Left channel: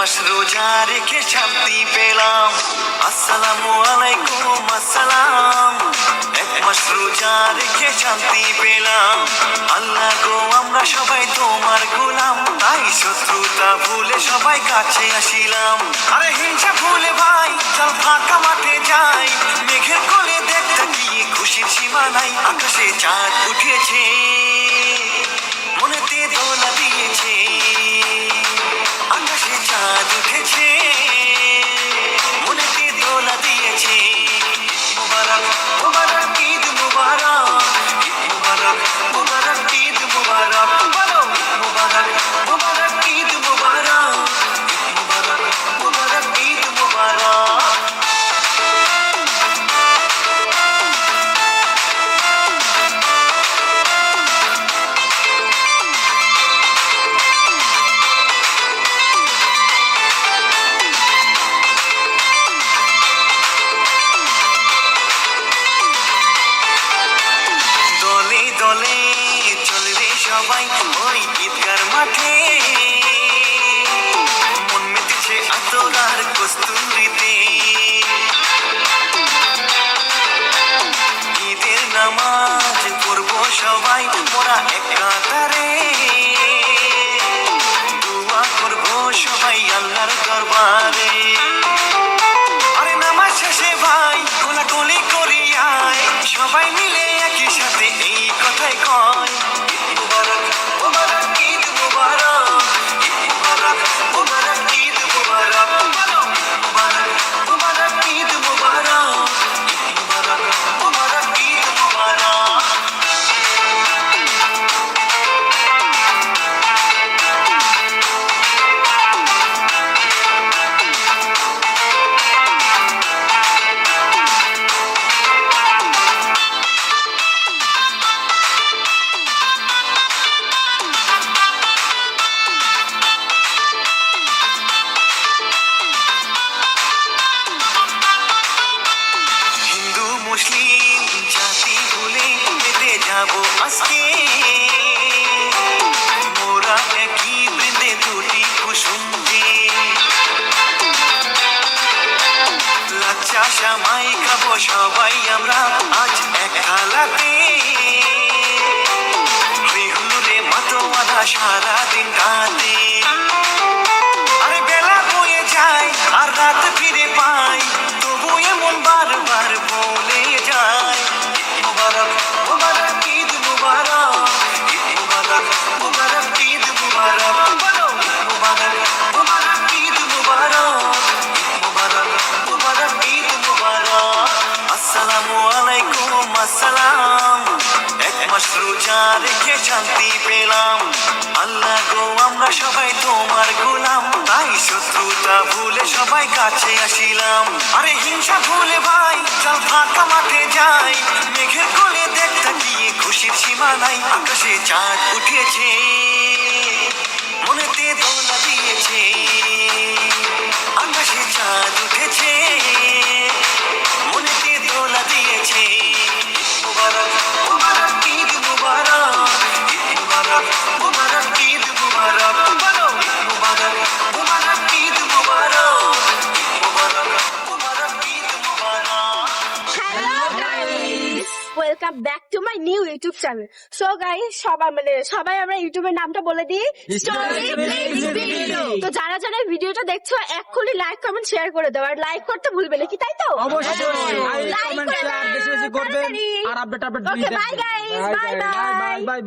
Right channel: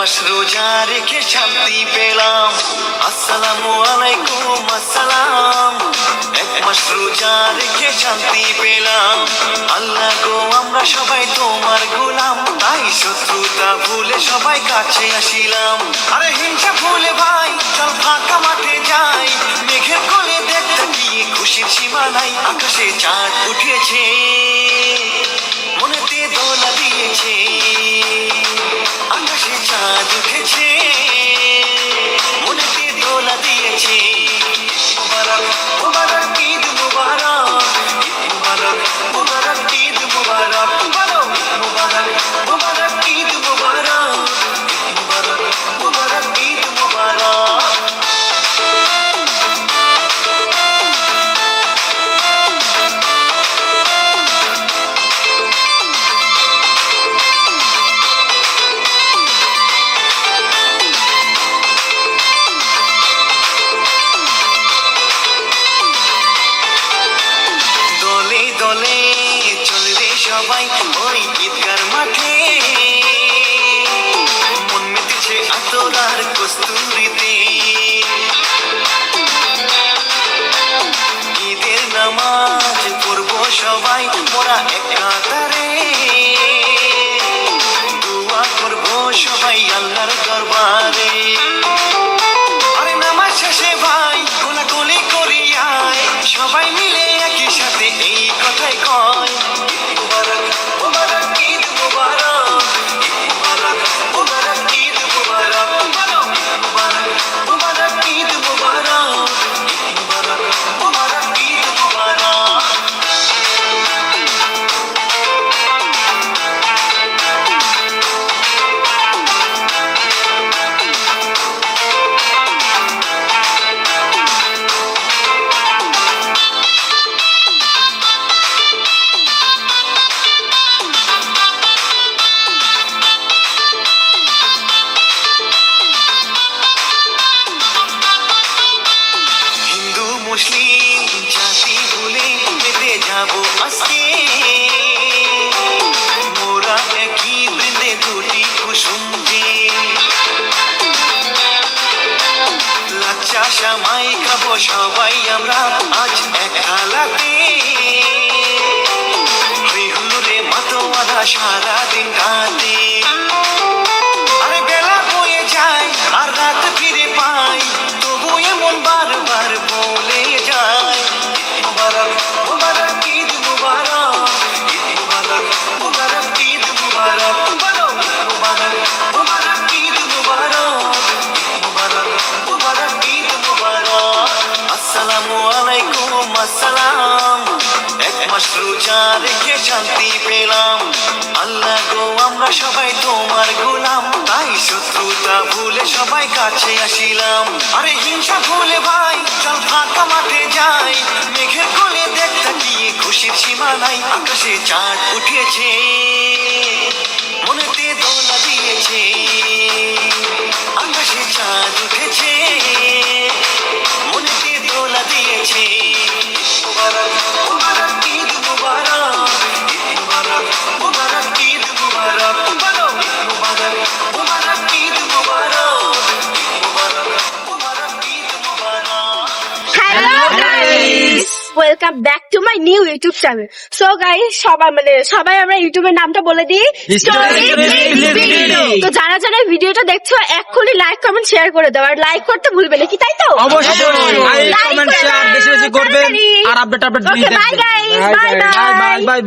মাস রোজা রেখে শান্তি পেলাম। আসসালামু আলাইকুম আসসালাম। এক মাস রোজা রেখে শান্তি পেলাম। আল্লাহ গো আমরা সবাই তোমার গোলাম, তাই শত্রুতা ভুলে সবাই কাছে আসিলাম। আরে হিংসা ভুলে ভাই চল ফাঁকা মাঠে যাই, মেঘের কোলে দেখতে গিয়ে খুশি সীমা নাই। আকাশে চাঁদ উঠেছে, মনেতে দোলা দিয়েছে। আকাশে চাঁদ উঠেছে, মনেতে দোলা দিয়েছে। মুবারক মুবারক ঈদ মুবারক, মুবারক মুবারক ঈদ মুবারক, মুবারক মুবারক ঈদ মুবারক, মুবারক মুবারক ঈদ মুবারক। দলে দলে চলবে সবাই ওই ঈদগার মাঠে, মন মেতেছে আতরার কস্তুরীতে। ঈদের নামাজ পড়বো সবাই মোরা এক কাতারে, দোয়া করবো সবাই আল্লাহর দরবারে। আরে নামাজ শেষে ভাই কোলাকুলি করি আয়, সবাই মিলে একই সাথে এই কথাই কয়। ঈদ মুবারক মুবারক ঈদ মুবারক, ঈদ মুবারক মুবারক ঈদ মুবারক, মুবারক মুবারক ঈদ মুবারক, ঈদ মুবারক মুবারক ঈদ মুবারক। হিন্দু মুসলিম জাতি ভুলে যেতে যাবো আজকে, মোরা একই বৃন্দে দুটি কুসুম যে। লাচ্চা সামাই খাবো সবাই আমরা আজ এক থালাতে, হই হুল্লোড়ে মাতোয়ারা সারাদিন রাতে। আরে বেলা বয়ে যায় আর রাত ফিরে পাই, তবু এমন বারবার বলে যায়। ঈদ মুবারক মুবারক ঈদ মুবারক, ঈদ মুবারক মুবারক ঈদ মুবারক, মুবারক মুবারক ঈদ মুবারক, ঈদ মুবারক মুবারক ঈদ মুবারক। আসসালামু আলাইকুম আসসালাম। এক মাস রোজা রেখে শান্তি পেলাম। আল্লাহ গো আমরা সবাই তোমার গোলাম, তাই শত্রুতা ভুলে সবাই কাছে আসিলাম। আরে হিংসা ভুলে ভাই চল ফাঁকা মাঠে যাই, মেঘের কোলে দেখতে গিয়ে খুশির সীমা নাই। আকাশে চাঁদ উঠেছে, মনেতে দোলা দিয়েছে। আকাশে চাঁদ উঠেছে, মনেতে দোলা দিয়েছে। মুবারক মুবারক ঈদ মুবারক, ঈদ মুবারক মুবারক ঈদ মুবারক, মুবারক মুবারক ঈদ মুবারক, ঈদ মুবারক মুবারক ঈদ মুবারক। Hello guys, welcome back to my new YouTube channel. So guys সবাই আমরা ইউটিউবের নামটা বলে দিই, স্টোরি ক্লিপস ভিডিও। তো যারা যারা ভিডিওটা দেখছো এক্ষুনি লাইক কমেন্ট শেয়ার করে দাও, আর লাইক করতে ভুলবে না, কি তাই তো? অবশ্যই লাইক কমেন্ট শেয়ার বেশি বেশি করবেন আর update okay bye guys, bye bye. Bye by.